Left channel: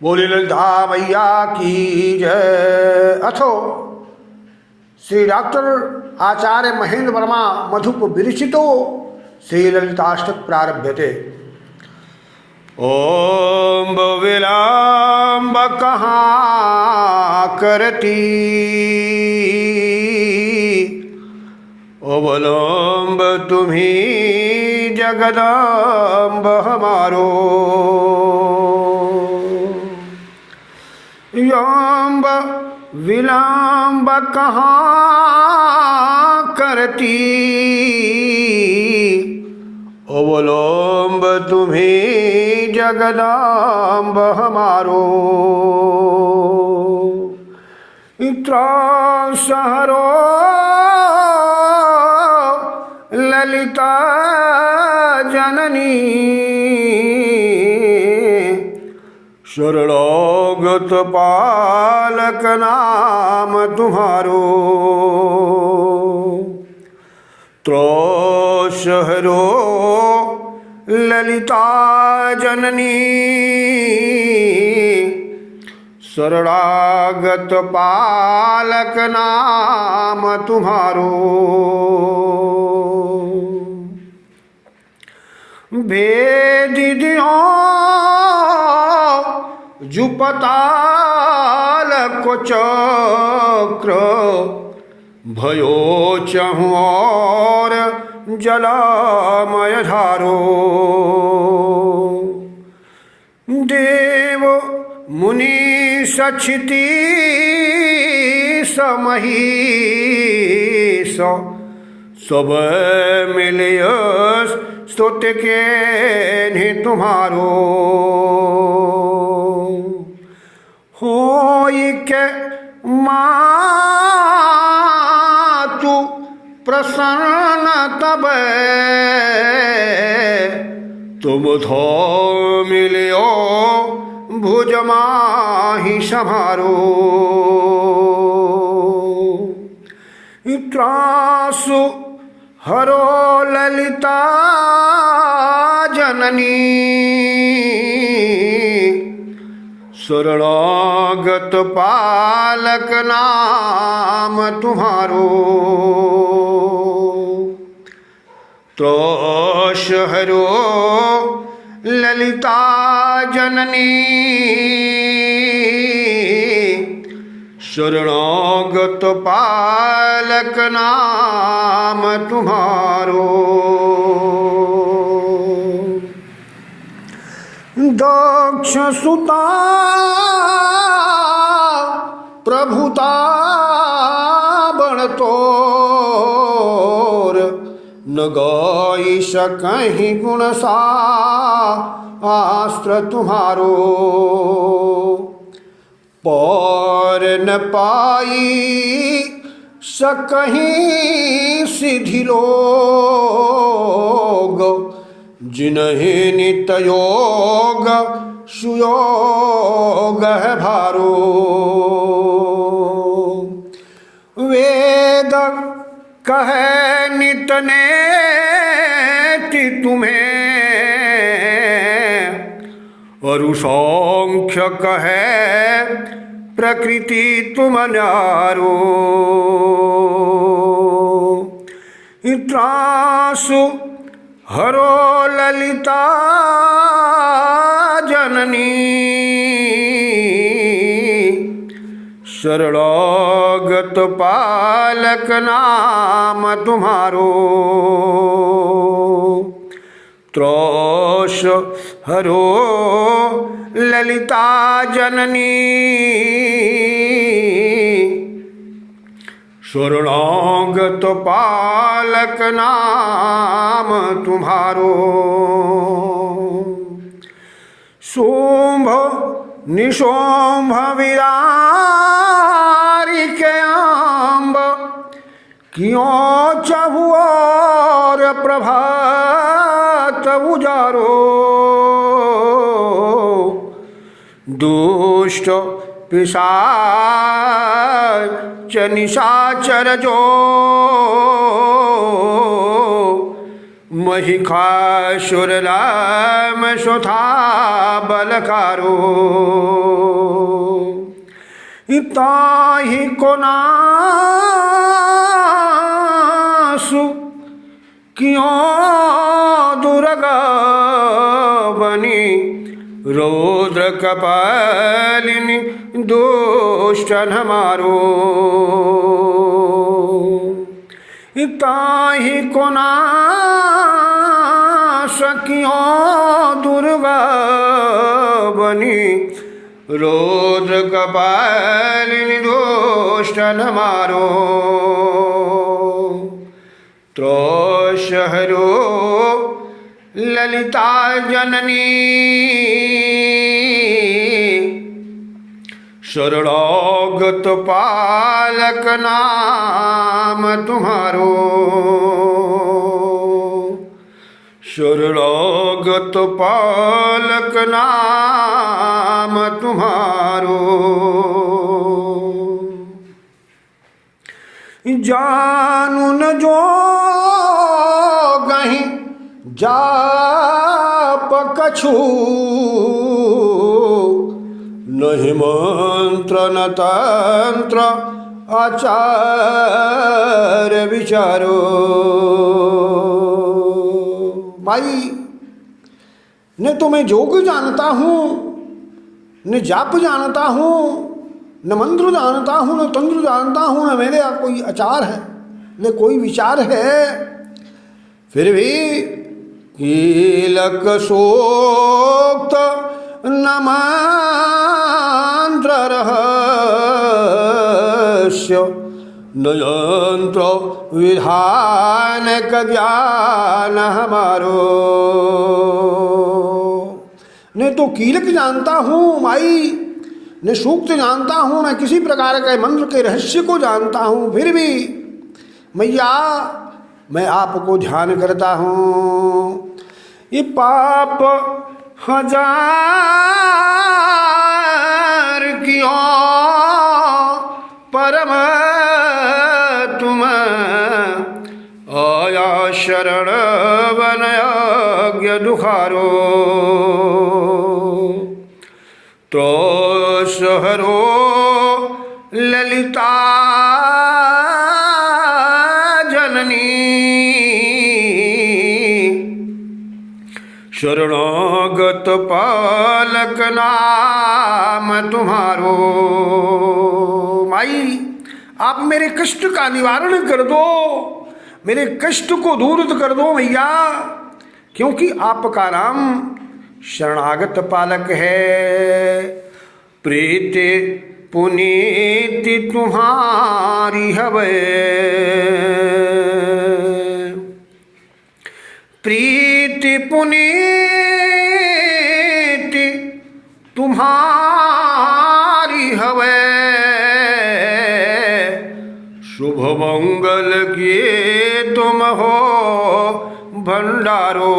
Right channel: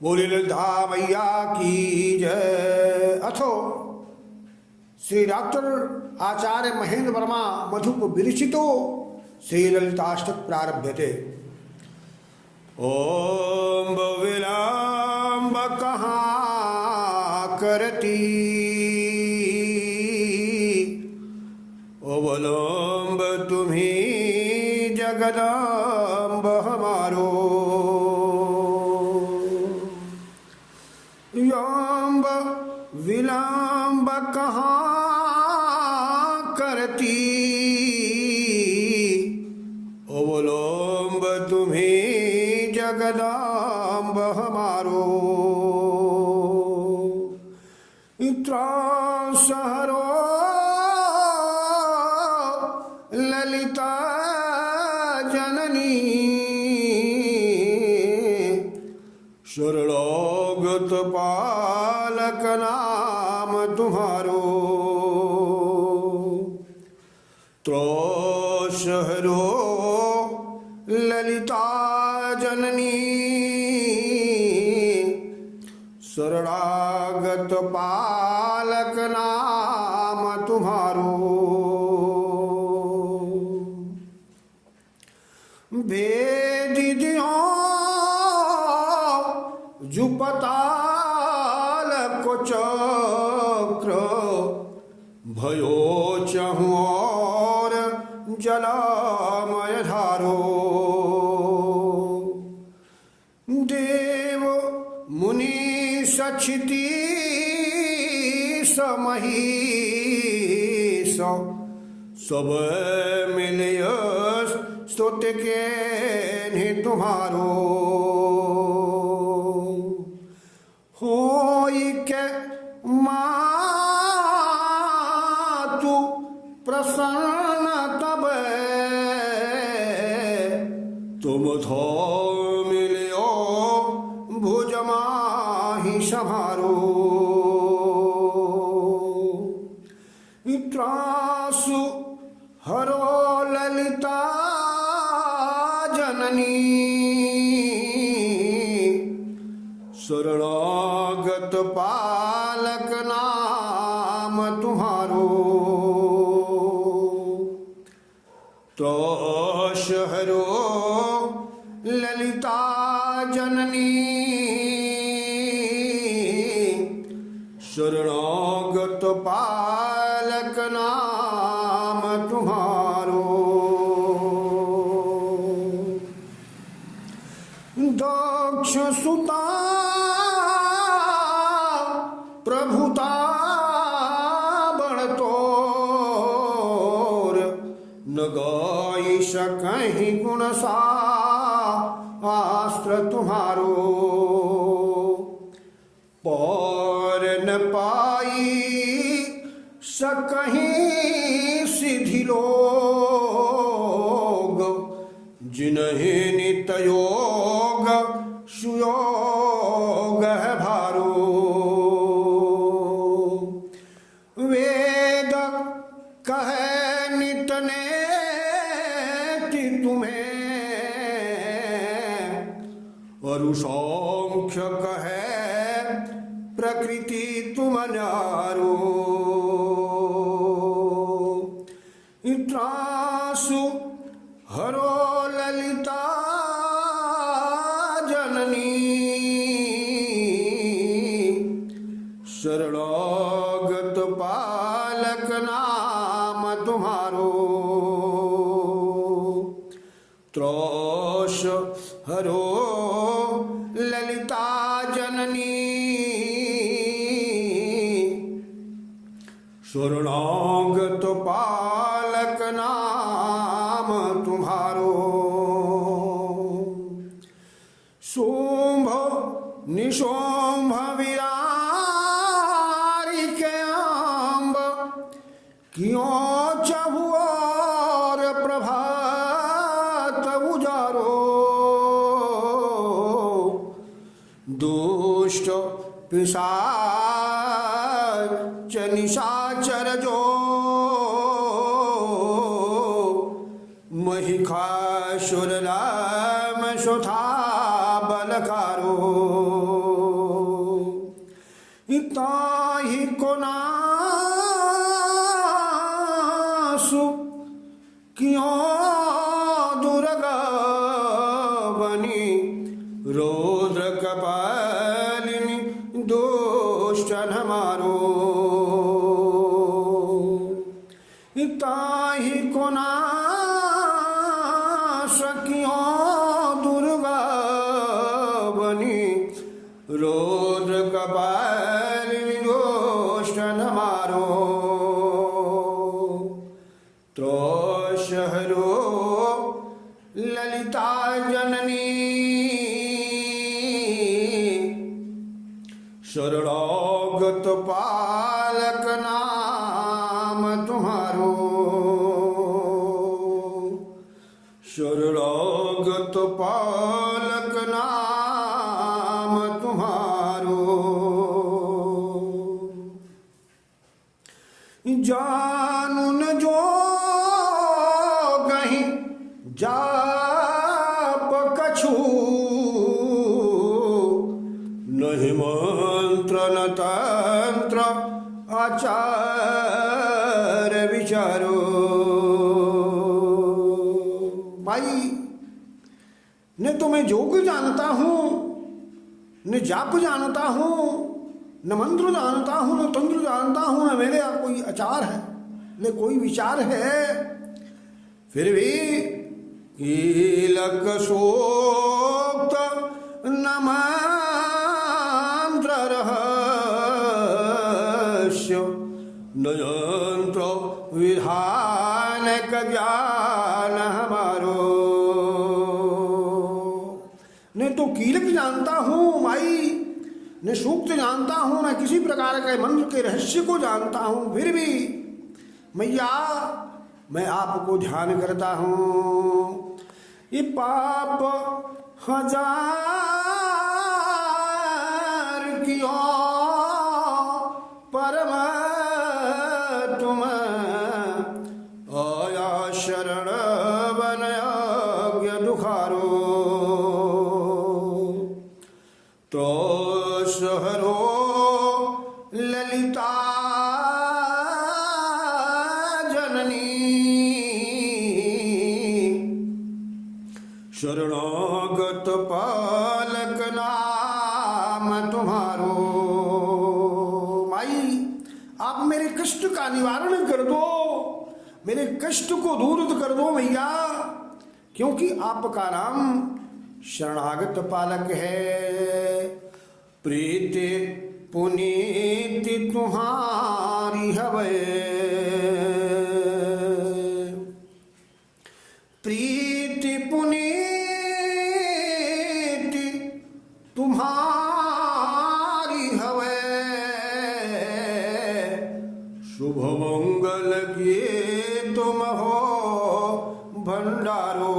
बोली ललिता मैया की जय। अथो श्री डॉक्टर आचार्य महेंद्र वर्मा मधुप विरचितो श्री ललिताष्टक प्रारभ्यते। ओम विलंब कहाँ करती, अवलंब तुम्ही जगदम्ब हमारो। यम्ब विलंब कहाँ करती, अवलंब तुम्ही जगदम्ब हमारो। त्रास हरो ललिता जननी, शरणागत पालक नाम तुम्हारो। त्रास हरो ललिता जननी, शरणागत पालक नाम तुम्हारो। भेदियो जुपताल को चक्र, भयो चहुँ और जलमय धारो। देव मुनि सक्षिति समहीस, सब मिलिय स्तुत के नहीं तुम्हारो। होई के मातु प्रसन्न तब, तुम थो मिलियो भुज माही संभारो। त्रासु हरो ललिता जननी, शरणागत पालक नाम तुम्हारो। त्रास हरो ललिता जननी, शरणागत पालक नाम तुम्हारो। दक्ष सुता प्रभुता बनतोर, न गाई सकहीं गुण शास्त्र तुम्हारो। पर न पाई सकहीं सिद्धि लोग, जिन्हें नित योग सुयोग है भारो। वेद कहे नित ने तुम्हें, और सांख्य कहे प्रकृति तुम न्यारो। त्रासु हरो ललिता जननी, शरणागत पालक नाम तुम्हारो। त्रास हरो ललिता जननी, शरणागत पालक नाम तुम्हारो। शुंभ निशुंभ विरारी के अम्ब, क्यों चहुओर प्रभात उजारो। दुष्ट पिशाच निशाचर जो, महिषासुर लाम सुधा बलकारो। ताहि को नासु क्यों दुर्गा बनी रौद्र कपालिनी दुष्टन हमारो। ताहि को नास क्यों दुर्गा बनी रौद्र कपालिनी दुष्टन हमारो। त्रोषहरो ललिता जननी शरणागत पालक नाम तुम्हारो। शरणागत पालक नाम तुम्हारो। जानू न जो गहीं जाप कछु नहीं मंत्र न तंत्र आचार विचारो। भाई न तो मैं योग जानता हूँ, न जाप जानता हूँ, न मंत्र जानता हूँ, न तंत्र जानता हूँ, न मेरे यहाँ कोई आचार है, न कोई विचार है। फिर भी कीलक सोक्त न मंत्र रहस्य न यंत्र विधान का ज्ञान हमारो। नहीं तो कीलक जानता हूँ माई, न सूक्त जानता हूँ, न किसी प्रकार के मंत्र के रहस्य को जानता हूँ। फिर भी मैया मैं आपको ध्यान करता हूँ। ये पाप हजार कियो परम तुम आया शरण वनयज्ञ दुखारो। त्रोषहरो ललिता शरणागत पालक नाम तुम्हारो। माई आप मेरे कष्ट का निवारण कर दो, मेरे कष्ट को दूर कर दो मैया, क्योंकि आपका नाम शरणागत पालक है। प्रीति पुनीति तुम्हारी हवे, प्रीति पुनीति तुम्हारी हवे। शुभ मंगल किए तुम हो भंडारो।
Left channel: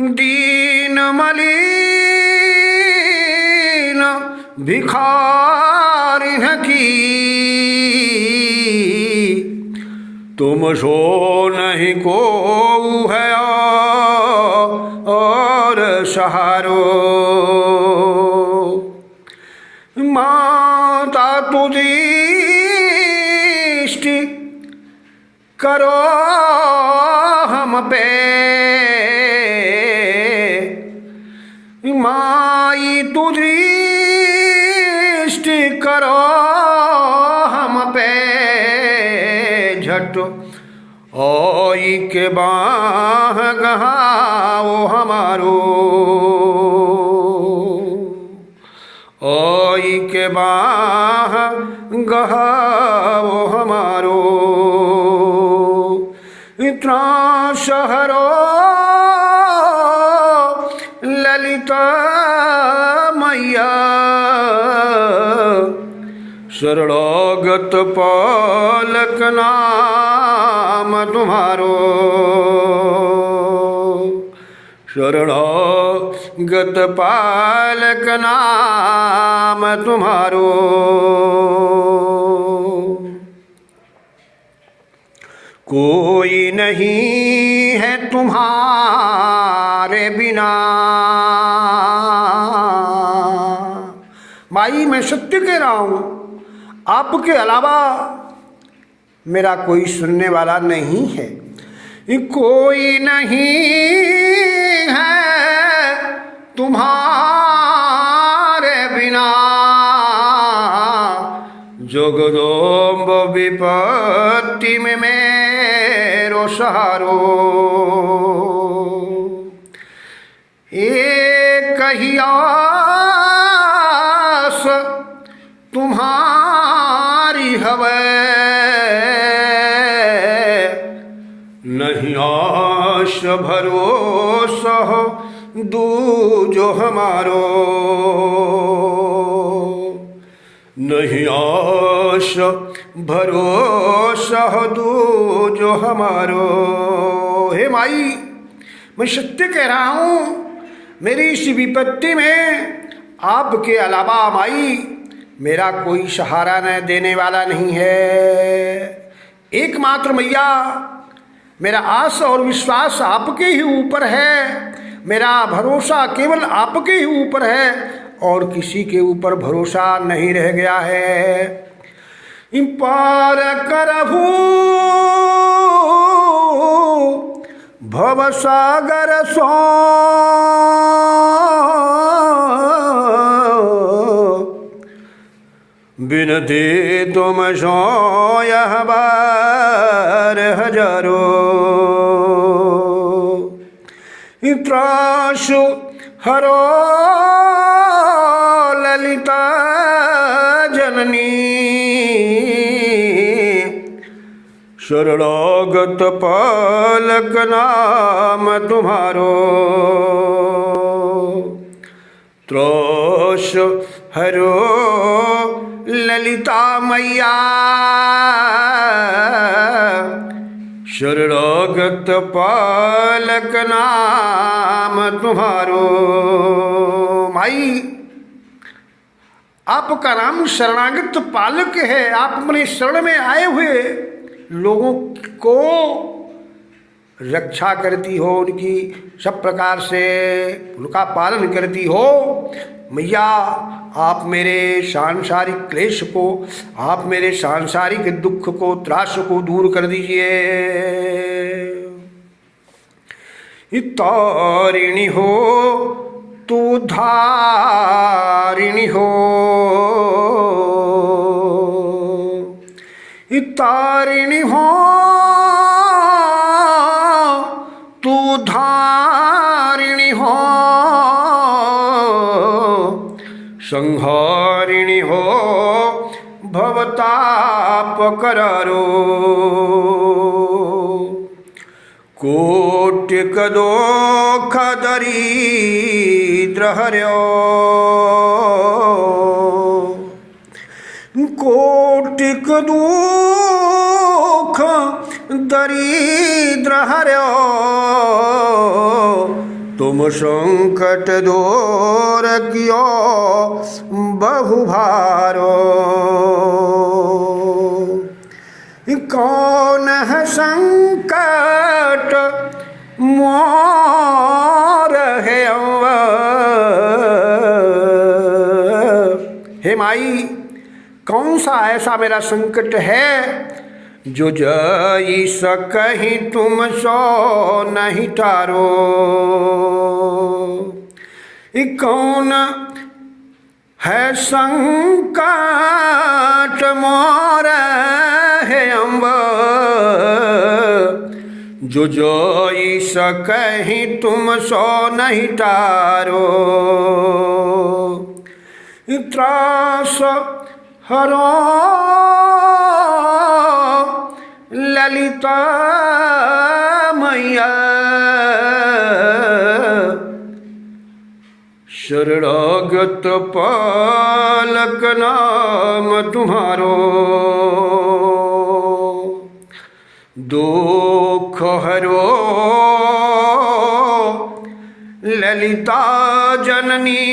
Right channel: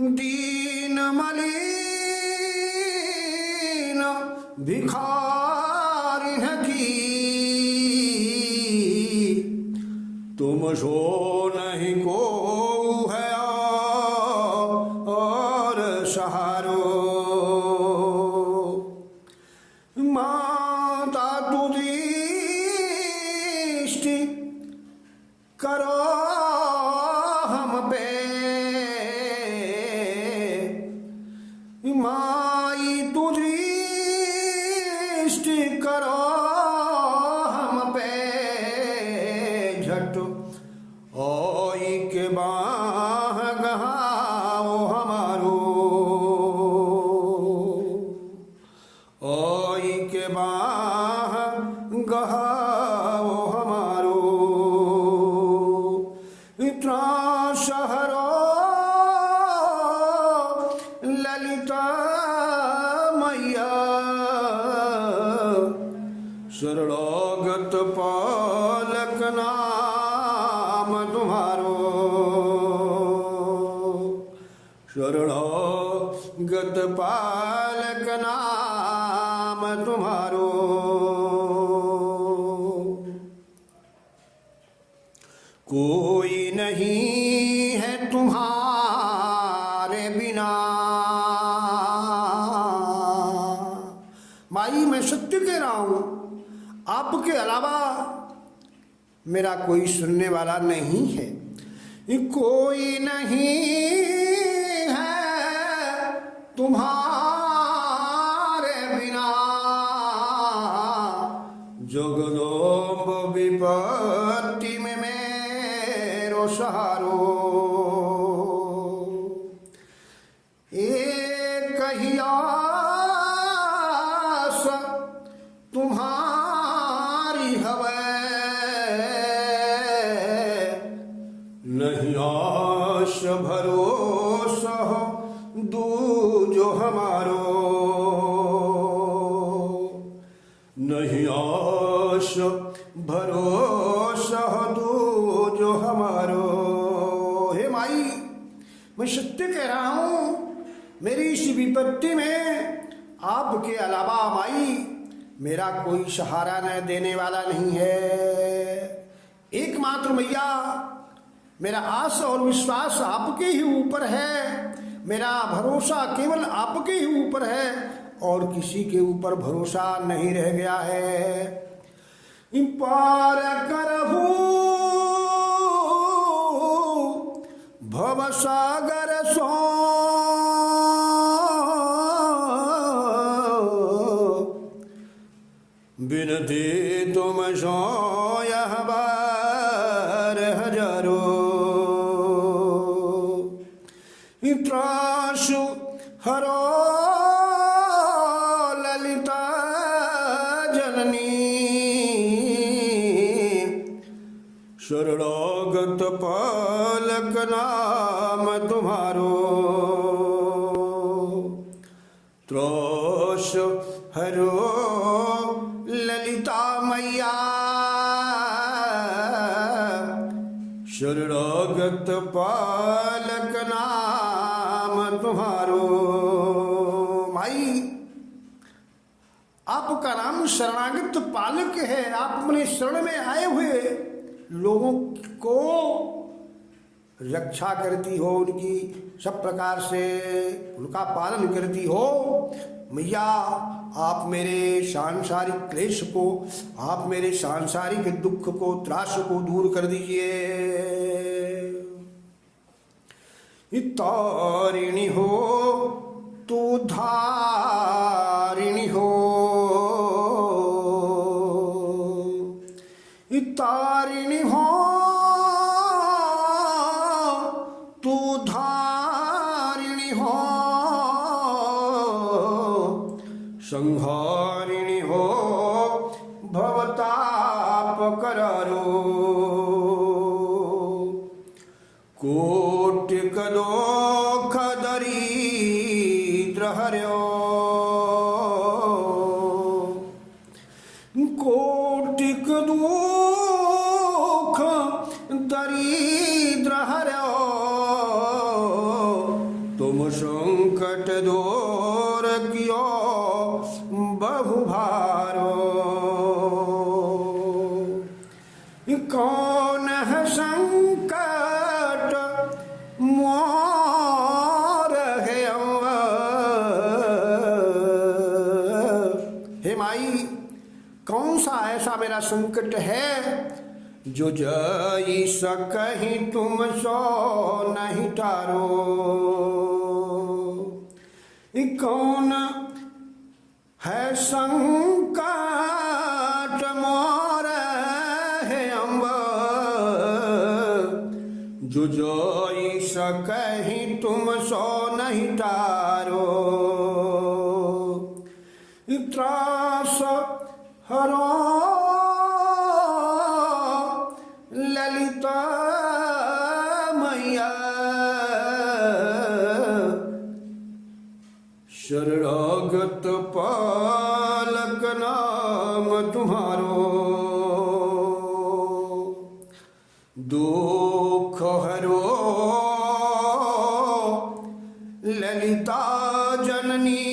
दीन मलिन भिखारिन की तुम सो नहीं को है और सहारो। माता तु दृष्टि करो हम पे, माई तु दृष्टि करो हम पे। झट ओई के बाह गहाओ हमारो, ओई के बाह गहाओ हमारो। त्रासहरो ललिता मैया शरणागत पालक नाम तुम्हारो। शरणागत पालक नाम तुम्हारो। कोई नहीं है तुम्हारे बिना, माई मैं सत्य कह रहा हूँ, आपके अलावा मेरा कोई सुनने वाला नहीं है। कोई नहीं है तुम्हारे बिना, जोगदोम्ब विपत्ति में मेरो सहारो। एक ही आस तुम्हारी हवे, नहीं आश भरोसा दूजो हमारो, नहीं आश भरोसा दूजो हमारो। हे माई मैं सत्य कह रहा हूँ, मेरी इस विपत्ति में आपके अलावा माई मेरा कोई सहारा न देने वाला नहीं है। एकमात्र मैया मेरा आस और विश्वास आपके ही ऊपर है, मेरा भरोसा केवल आपके ही ऊपर है और किसी के ऊपर भरोसा नहीं रह गया है। पार करहु भवसागर सो, बिनती तुम सो यह बार हजारो। त्रासु हरो ललिता जननी, शरणागत पालक नाम तुम्हारो। त्रास हरो ललिता मैया, शरणागत पालक नाम तुम्हारो। माई आपका नाम शरणागत पालक है, आप अपने शरण में आए हुए लोगों को रक्षा करती हो, उनकी सब प्रकार से उनका पालन करती हो। मैया आप मेरे सांसारिक क्लेश को, आप मेरे सांसारिक दुख को, त्रास को दूर कर दीजिए। तारिणी हो तू धारिणी हो, तारिणी हो तू धारिणी हो, संहारिणी हो भवताप करारो। कोटिक दोख दरिद्र हर्यो, कोटिक दुख दरिद्र हर्यो, तुम संकट दूर कियो बहु भारो। कौन है संकट मोर है हे माई, कौन सा ऐसा मेरा संकट है जो जई सकहि तुम सो नहीं टारो। कौन है संकट मोर है अम्ब, जो जई सकहि तुम सो नहीं टारो। त्रास हरो ललिता मैया, शरणागत पालक नाम तुम्हारो। दुख हरो ललिता जननी,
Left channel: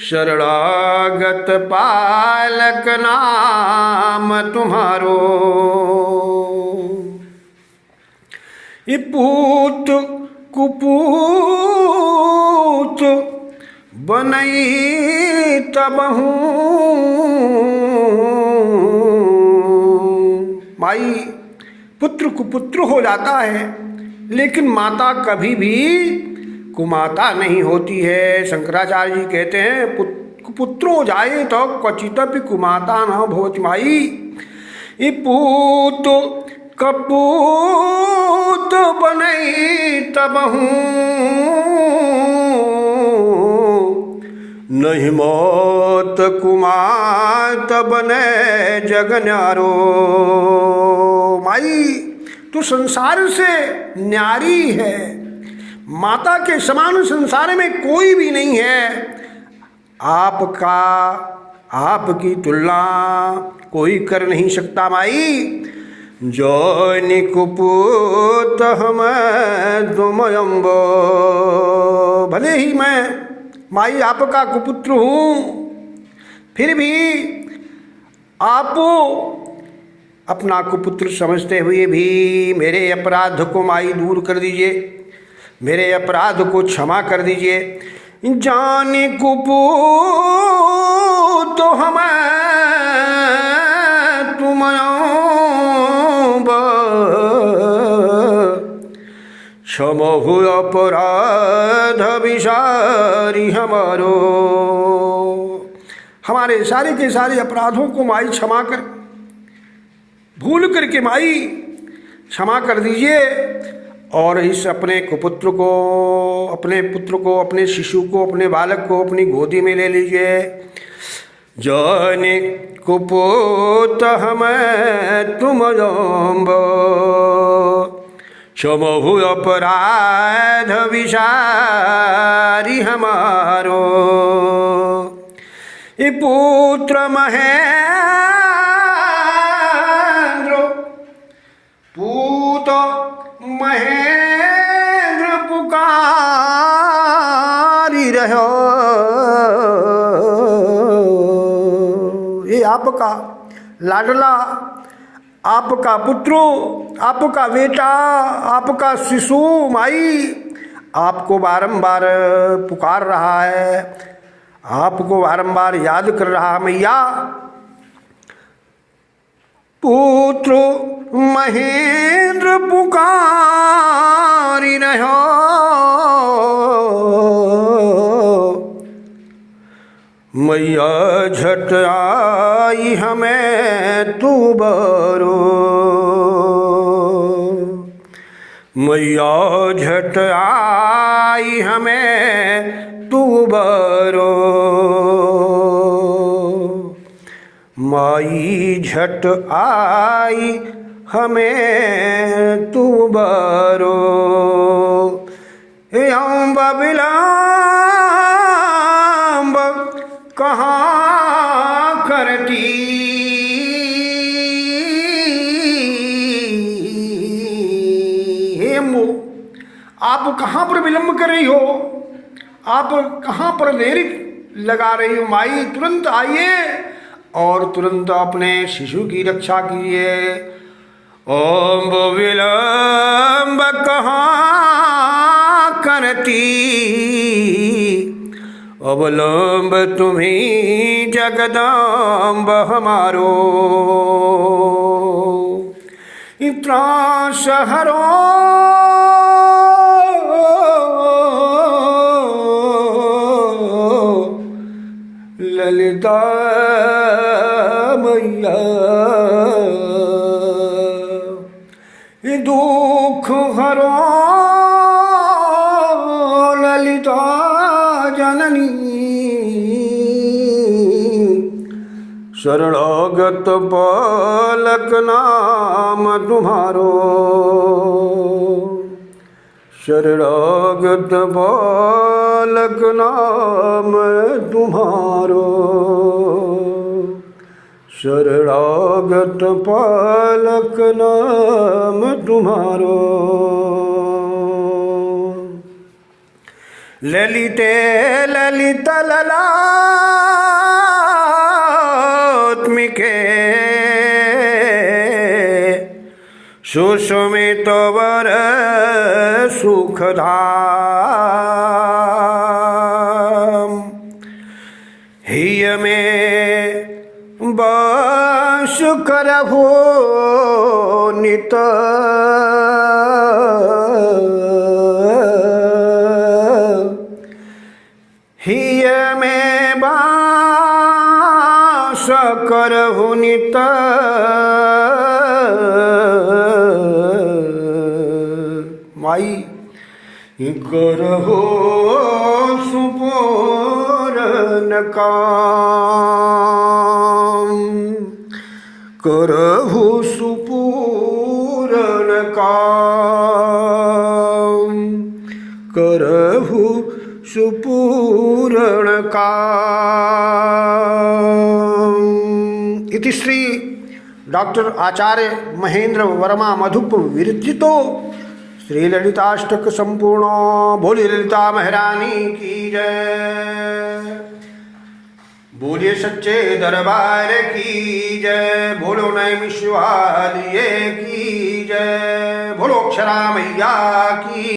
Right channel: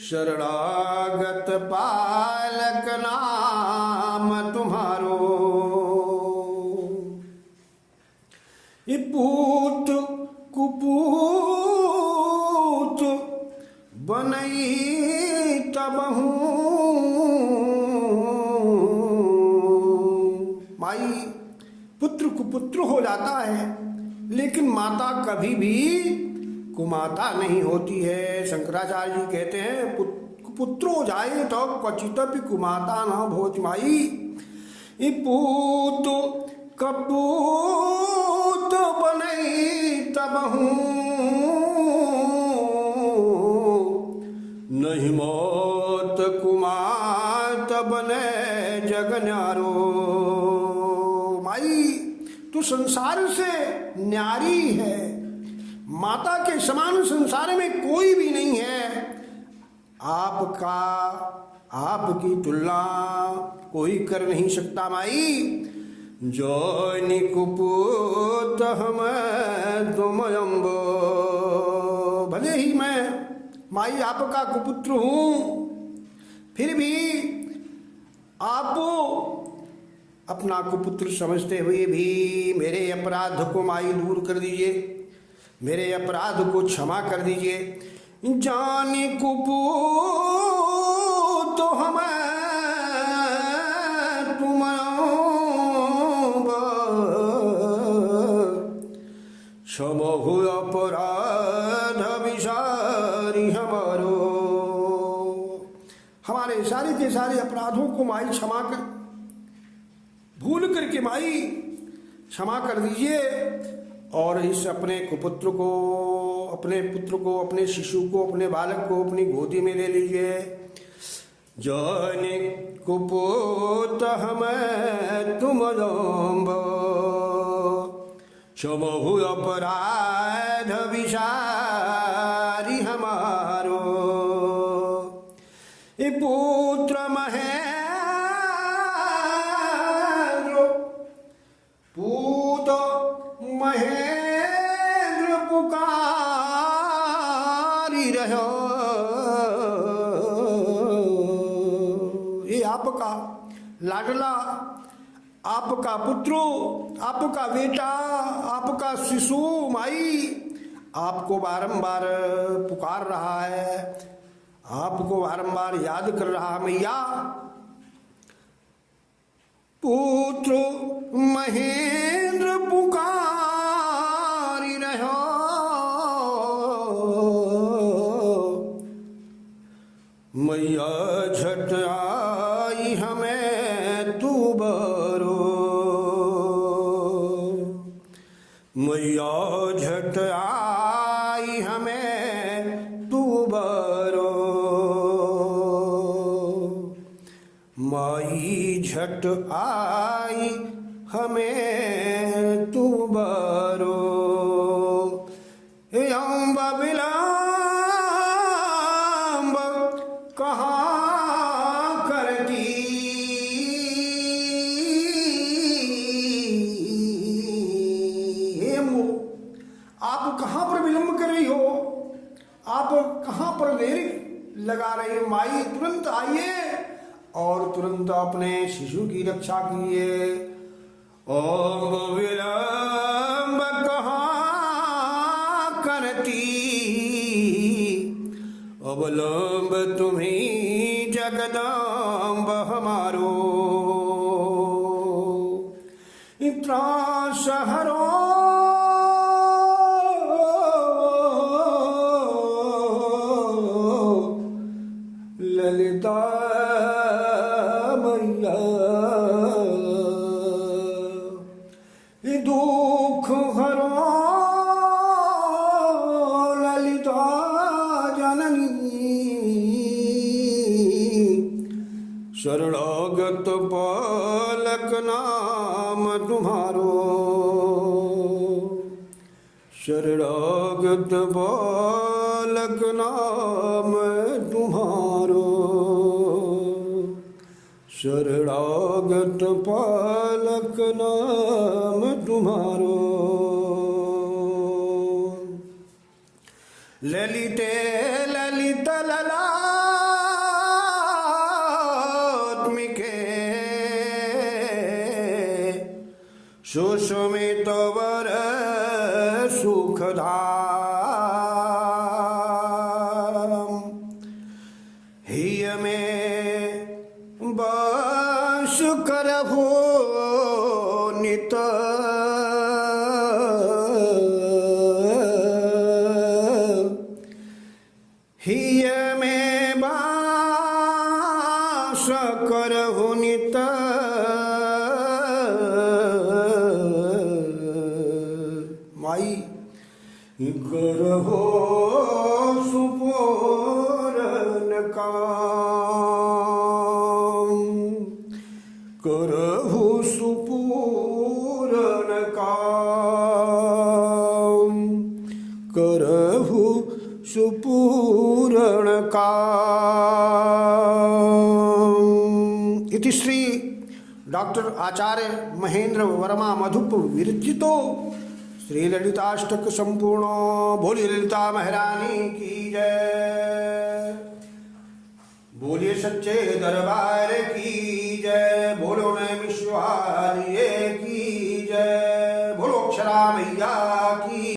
शरणागत पालक नाम तुम्हारो। पूत कुपूत बनई तबहू। माई, पुत्र कुपुत्र हो जाता है, लेकिन माता कभी भी कुमाता नहीं होती है। शंकराचार्य जी कहते हैं पुत्रो जाए तो क्वचितपि कुमाता न भवति। माई, ये पूत कपूत बनई तबहू, नहीं मौत कुमात बने जग न्यारो। माई, तू संसार से न्यारी है, माता के समान संसार में कोई भी नहीं है। आपकी तुलना कोई कर नहीं सकता। माई, जो कुपुत हम दुमयम्ब, भले ही मैं माई आपका कुपुत्र हूँ, फिर भी आप अपना कुपुत्र समझते हुए भी मेरे अपराध को माई दूर कर दीजिए, मेरे अपराध को क्षमा कर दीजिए। जानी कुपुत हम तुम क्षमहु अपराध विसारी हमारो। हमारे सारे के सारे अपराधों को माई क्षमा कर, भूल करके माई क्षमा कर दीजिए। और इस अपने कुपुत्र को, अपने पुत्र को, अपने शिशु को, अपने बालक को अपनी गोदी में ले लीजिए। जाने कुपुत हम तुम क्षमहु अपराध विसारी हमारो। ये पुत्र महेंद्र, पूत महेंद्र पुकारी रहो। ये आपका लाडला, आपका पुत्र, आपका बेटा, आपका शिशु माई आपको बारंबार पुकार रहा है, आपको बारंबार याद कर रहा। मैया, पुत्र महेंद्र पुकारी रहो। मैया झट आई हमें तू बरो। मैया झट आई हमें तू बरो। माई झट आई हमें तू बरो। अम्ब विलम्ब कहाँ करती, हे अम्बो, आप कहाँ पर विलम्ब कर रही हो, आप कहाँ पर देरी लगा रही हो। माई, तुरंत आइए और तुरंत अपने शिशु की रक्षा कीजिए। अम्ब विलम्ब कहाँ करती, अवलंब तुम्हीं जगदम्ब हमारो। त्रास हरो ललिता मैया। दुख हरो ललिता जननी। शरणागत बालक नाम तुम्हारो। शरणागत बालक नाम तुम्हारो। शरणागत बालक नाम तुम्हारो। ललिते ललित ललात्मिके सुषमित वर सुखधाम। करहु नित हिय में बास करहु नित माई करहु सुपूरन काम करहु सुपूरन काम करहु सुपूरण काम। इति श्री डॉक्टर आचार्य महेंद्र वर्मा मधुप विरचितो श्री ललिताष्टक संपूर्ण। बोलिए ललिता महारानी की जय, बोलिए सच्चे दरबार की जय, बोलो नैमिष वालिये की जय, बोलो अक्षरा मैया की।